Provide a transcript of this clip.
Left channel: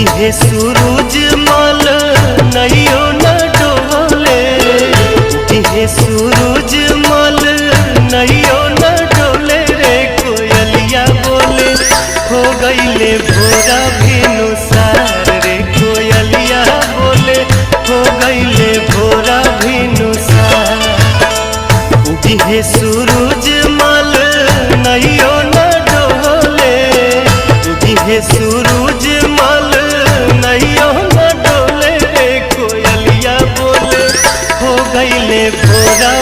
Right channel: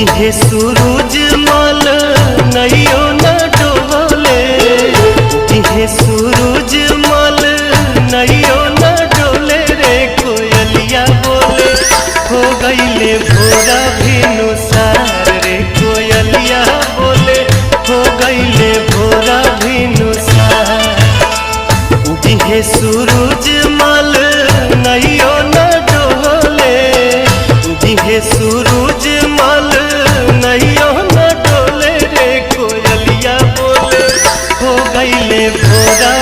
उगिहे सूरज मल नैयो न डोले, उगिहे सूरज मल नैयो न डोले रे कोयलिया बोले हो गईले भोरा भिनुसार रे कोयलिया बोले हो गईले भोरा भिनुसार। उगिहे सूरज मल नैयो न डोले, उगिहे सूरज मल नैयो न डोले रे कोयलिया बोले हो गईले भोरा